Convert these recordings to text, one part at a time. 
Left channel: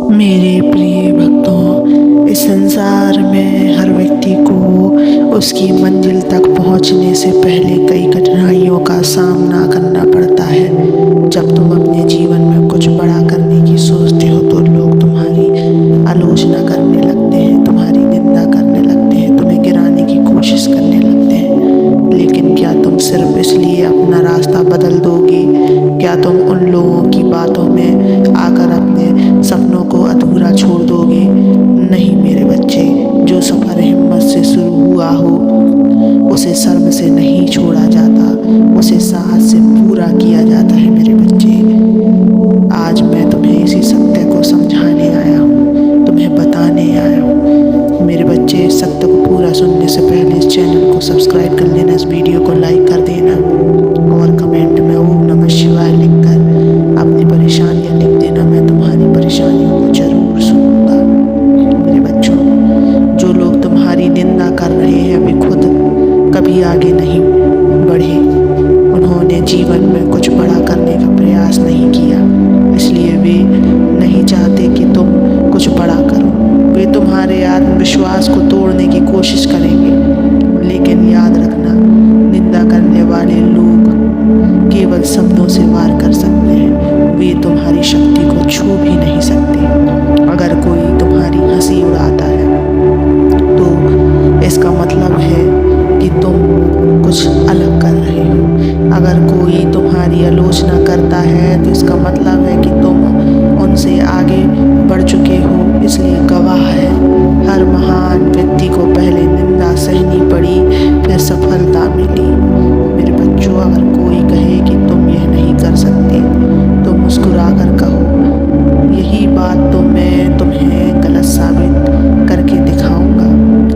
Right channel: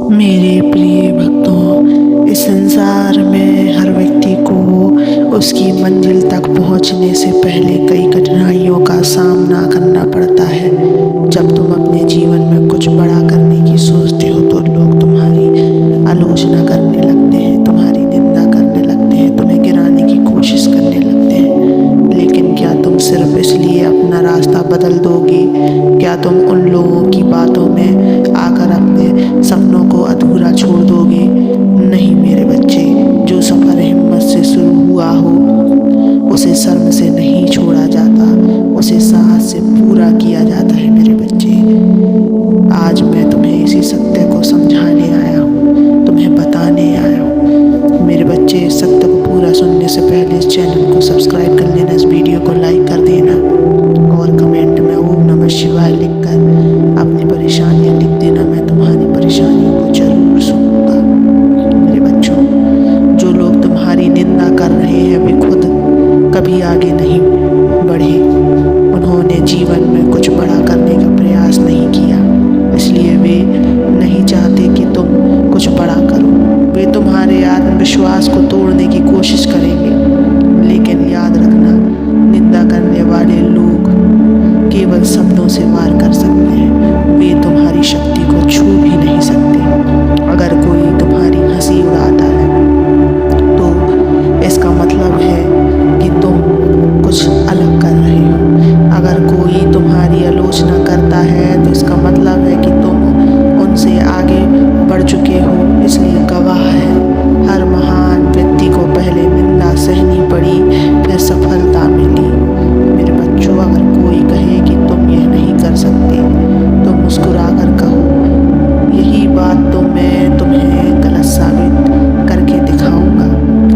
मेरे प्रिय भक्तों, इस संसार में हर व्यक्ति को उसकी मंजिल तक पहुंचने से पहले कई कठिनाइयों का सामना करना पड़ता है। जब तुम अपने जीवन में कुछ बड़ा करने की सोचते हो तो लोग तुम्हारी आलोचना करने लगते हैं, तुम्हारी निंदा करने लगते हैं, तुम्हें गिराने की कोशिश करने लगते हैं। लेकिन क्या तुम सिर्फ इसलिए अपना रास्ता बदल दोगे? क्या तुम उन लोगों की बातों में आकर अपने सपनों को अधूरा छोड़ दोगे? नहीं मेरे बच्चे, जो सफ़र हिम्मत से शुरू हुआ हो उसे शर्म से नहीं छोड़ा जाता, उसे साहस से पूरा किया जाता है मेरे बच्चे। आज मैं तुम्हें इसी सत्य को समझाने आया हूँ, तुम्हें बताने आया हूँ। मेरे बच्चे, इस सत्य को पूरा सुनने से पहले इस चैनल को सब्सक्राइब कर लेना, इस वीडियो को लाइक कर देना और कमेंट में ओम नमः शिवाय लिखकर अपनी परेशानियाँ लिख देना। मैं तुम्हारी परेशानियों को जरूर सुनूंगा। मेरे बच्चों, जो लोग तुम्हारी निंदा कर रहे हैं वे खुद कभी आगे नहीं बढ़े। उन्होंने जीवन में कुछ बड़ा करने का प्रयास नहीं किया, इसलिए वे नहीं चाहते कि तुम कुछ बड़ा करो। वे तुम्हारे आत्मविश्वास को तोड़ने की कोशिश करेंगे, लेकिन याद रखना, निंदा करने वाले लोग केवल शब्दों से वार कर सकते हैं, वे तुम्हारी शक्ति को छू भी नहीं सकते। अगर कोई तुम्हारी हंसी उड़ाता है तो इसका मतलब है कि तुम कुछ अलग कर रहे हो। अगर कोई तुम्हारी आलोचना करता है तो इसका मतलब है कि तुम उनसे आगे बढ़ चुके हो, इसलिए गवाह है। हर महान व्यक्ति को पहले निंदा सहनी पड़ी, फिर सफलता मिली। मेरे बच्चों, अगर कोई कहे कि तुम यह नहीं कर सकते तो मुस्कुरा कर कहो, यही बात तो मैं तुम्हें गलत साबित करके दिखाऊंगा।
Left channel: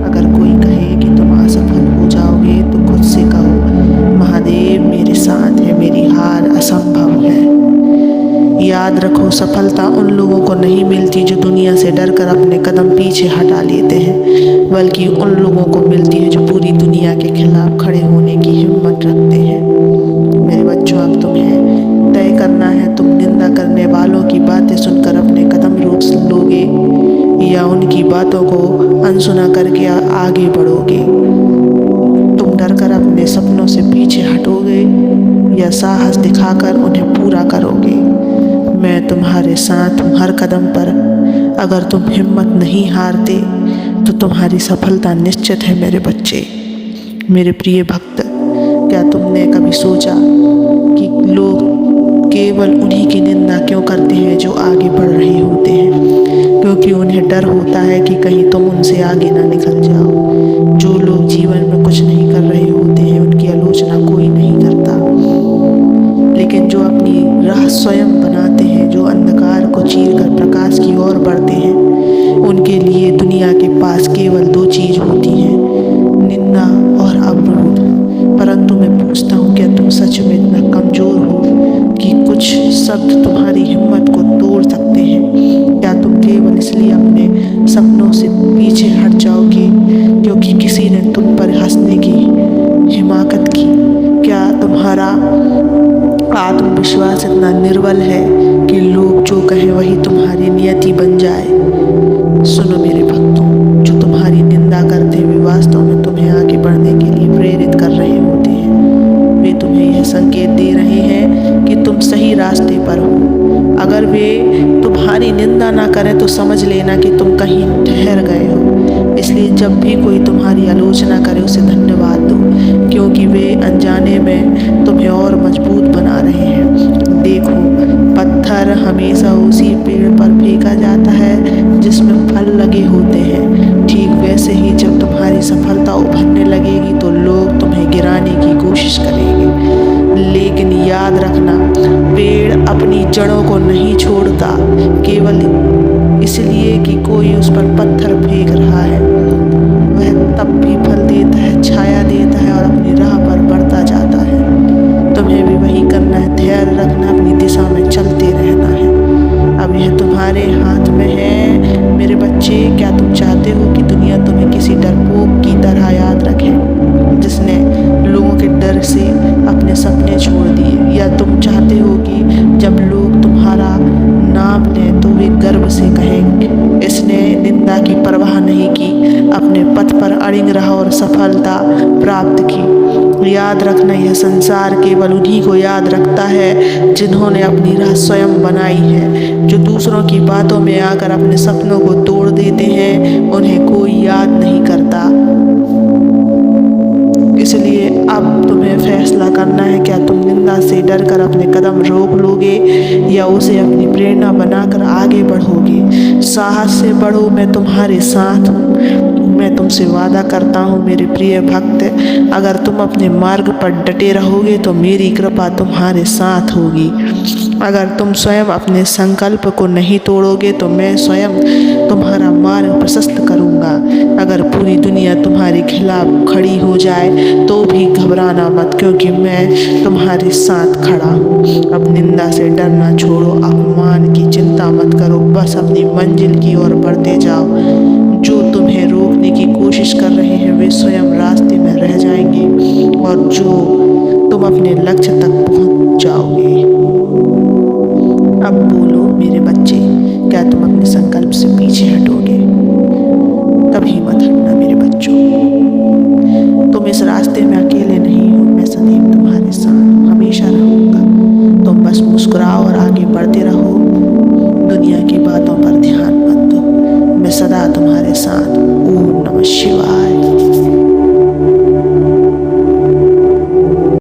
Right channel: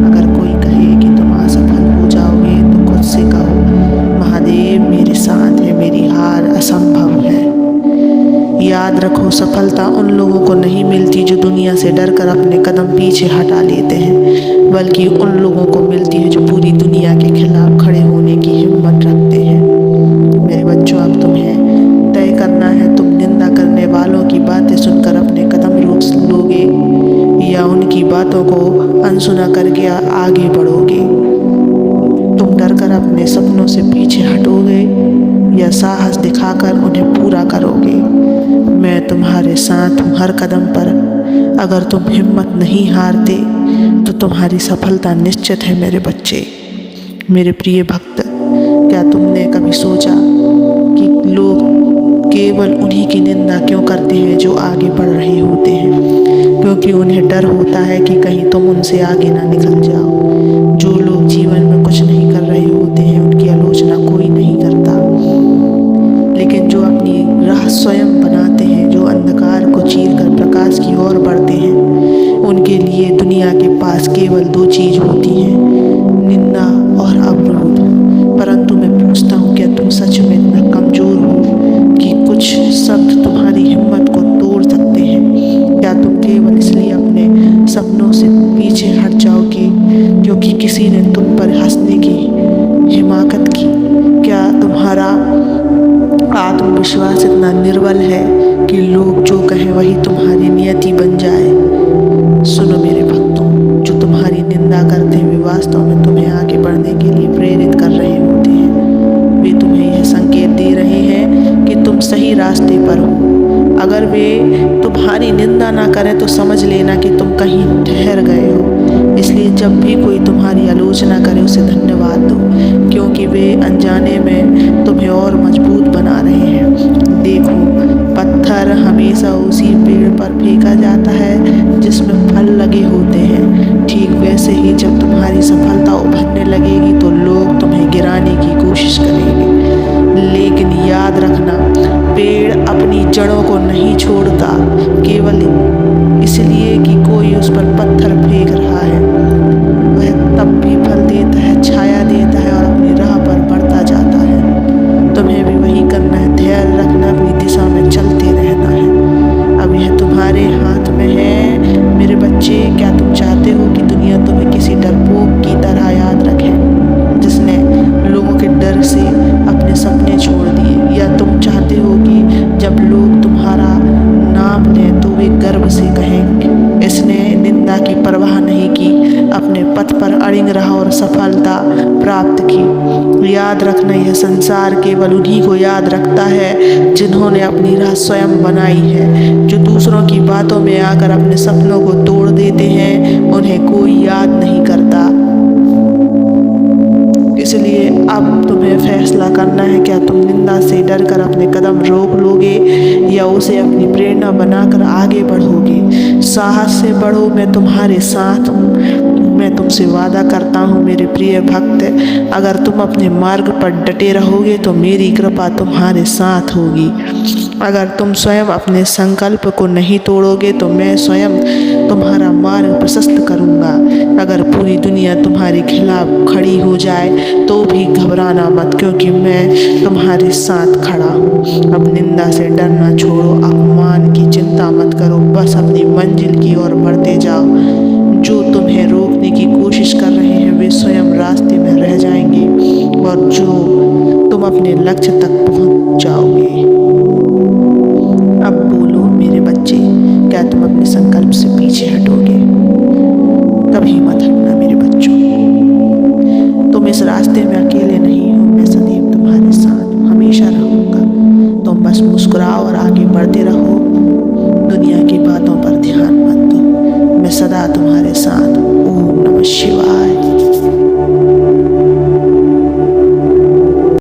अगर कोई कहे कि तुम असफल हो जाओगे तो खुद से कहो, महादेव मेरे साथ है, मेरी हार असंभव है। याद रखो, सफलता उन लोगों को नहीं मिलती जो दुनिया से डरकर अपने कदम पीछे हटा लेते हैं, बल्कि उन लोगों को मिलती है जो पूरी दुनिया के खिलाफ खड़े होने की हिम्मत रखते हैं। मेरे बच्चों, अब तुम्हें तय करना है, तुम निंदा करने वालों की बातें सुनकर अपने कदम रोक लोगे या उनकी बातों को अनसुना करके आगे बढ़ोगे। तुम डरकर अपने सपनों से पीछे हटोगे या साहस दिखाकर उन्हें पूरा करोगे। मैं तुम्हारे साथ हूँ हर कदम पर। अगर तुम हिम्मत नहीं हारते तो तुम्हारी सफलता निश्चित है मेरे बच्चे। मेरे प्रिय भक्त, क्या तुमने कभी सोचा कि लोग केवल उन्हीं की निंदा क्यों करते हैं जो आगे बढ़ रहे होते हैं? क्योंकि उन्हें डर होता है कि कहीं तुम उनसे आगे ना निकल जाओ। जो लोग जीवन में कुछ नहीं कर रहे होते हैं उनकी आलोचना कोई नहीं करता, लेकिन जो अपनी राह स्वयं बनाते हैं, जो अंधकार को चीरकर प्रकाश की ओर बढ़ते हैं, उनके लिए दुनिया के पास केवल दो चीज़ होती हैं, निंदा और अवरोध। परंतु मैं पूछता हूँ, क्या तुम सच में इतना कमज़ोर हो कि कुछ शब्द तुम्हारी हिम्मत को तोड़ सकते हैं? क्या तुम केवल इसलिए अपने सपनों से पीछे हट जाओगे क्योंकि किसी ने तुम पर हंसने की हिमाकत की? क्या तुम्हारा आत्मविश्वास इतना निर्बल है कि लोग जो कहें वही तुम्हारी नियति बन जाए? सुनो मेरे भक्तों, जो तुम्हारी निंदा करते हैं वे वास्तव में तुम्हें आगे बढ़ने के लिए प्रेरित कर रहे होते हैं। वे तुम्हें यह संकेत दे रहे हैं कि तुम सही रास्ते पर हो। अगर वे तुम्हारी निंदा ना करें तो समझ लेना कि तुम कहीं ठहर गए हो। इसलिए जब भी कोई तुम्हारी आलोचना करे उसे धन्यवाद दो, क्योंकि वे अनजाने में तुम्हें और मजबूत बना रहे हैं। देखो, पत्थर हमेशा उसी पेड़ पर फेंका जाता है जिसमें फल लगे होते हैं। ठीक वैसे ही जब तुम्हारी सफलता उभरने लगेगी तो लोग तुम्हें गिराने की कोशिश करेंगे, लेकिन याद रखना, पेड़ अपनी जड़ों को नहीं छोड़ता केवल इसलिए कि कोई उस पर पत्थर फेंक रहा है। वह तब भी फल देता है, छाया देता है और अपनी राह पर बढ़ता जाता है। तुम्हें भी वही करना है, धैर्य रखना, अपनी दिशा में चलते रहना है। अब यह तुम्हारे हाथ में है मेरे बच्चे। क्या तुम चाहते हो कि दुनिया तुम्हें किसी डरपोक की तरह याद रखे? जिसने लोगों के डर से अपने सपने छोड़ दिए? या तुम चाहते हो कि जब लोग तुम्हारा नाम लें तो वे गर्व से कहें, इसने निंदा की परवाह नहीं की, अपने पथ पर अड़िग रहा और सफलता प्राप्त की। याद रखना, यह संसार केवल उन्हीं को याद रखता है जिन्होंने अपनी राह स्वयं बनाई है। जो दूसरों की बातों में आकर अपने सपनों को तोड़ देते हैं, उन्हें कोई याद नहीं करता। इसलिए अब तुम्हें फैसला करना है, क्या तुम निंदा से डरकर अपने कदम रोक लोगे या उसे अपनी प्रेरणा बनाकर आगे बढ़ोगे। साहस से बढ़ो, मैं तुम्हारे साथ हूँ। मैं तुमसे वादा करता हूँ मेरे प्रिय भक्त, अगर तुम अपने मार्ग पर डटे रहोगे तो मेरी कृपा तुम्हारे साथ होगी। अगर तुम स्वयं अपने संकल्प को नहीं तोड़ोगे तो मैं स्वयं तुम्हारा मार्ग प्रशस्त करूँगा। अगर पूरी दुनिया तुम्हारे खिलाफ खड़ी हो जाए तो भी घबराना मत, क्योंकि मैं तुम्हारे साथ खड़ा हूँ। अब निंदा से डरना छोड़ो, अपमान की चिंता मत करो, बस अपनी मंजिल की ओर बढ़ते जाओ। जो तुम्हें रोकने की कोशिश कर रहे हैं वे स्वयं रास्ते में रह जाएंगे और जो तुम अपने लक्ष्य तक पहुँच जाओगे। अब बोलो मेरे बच्चे, क्या तुम अपने संकल्प से पीछे हटोगे? कभी मत हटना मेरे बच्चों। तुम इस रास्ते में अकेले नहीं हो, मैं सदैव तुम्हारे साथ हूँ, हमेशा रहूँगा। तुम बस मुस्कुराओ और आगे बढ़ते रहो, दुनिया की बातों पर ध्यान मत दो। मैं सदा तुम्हारे साथ हूँ। ओम नमः शिवाय।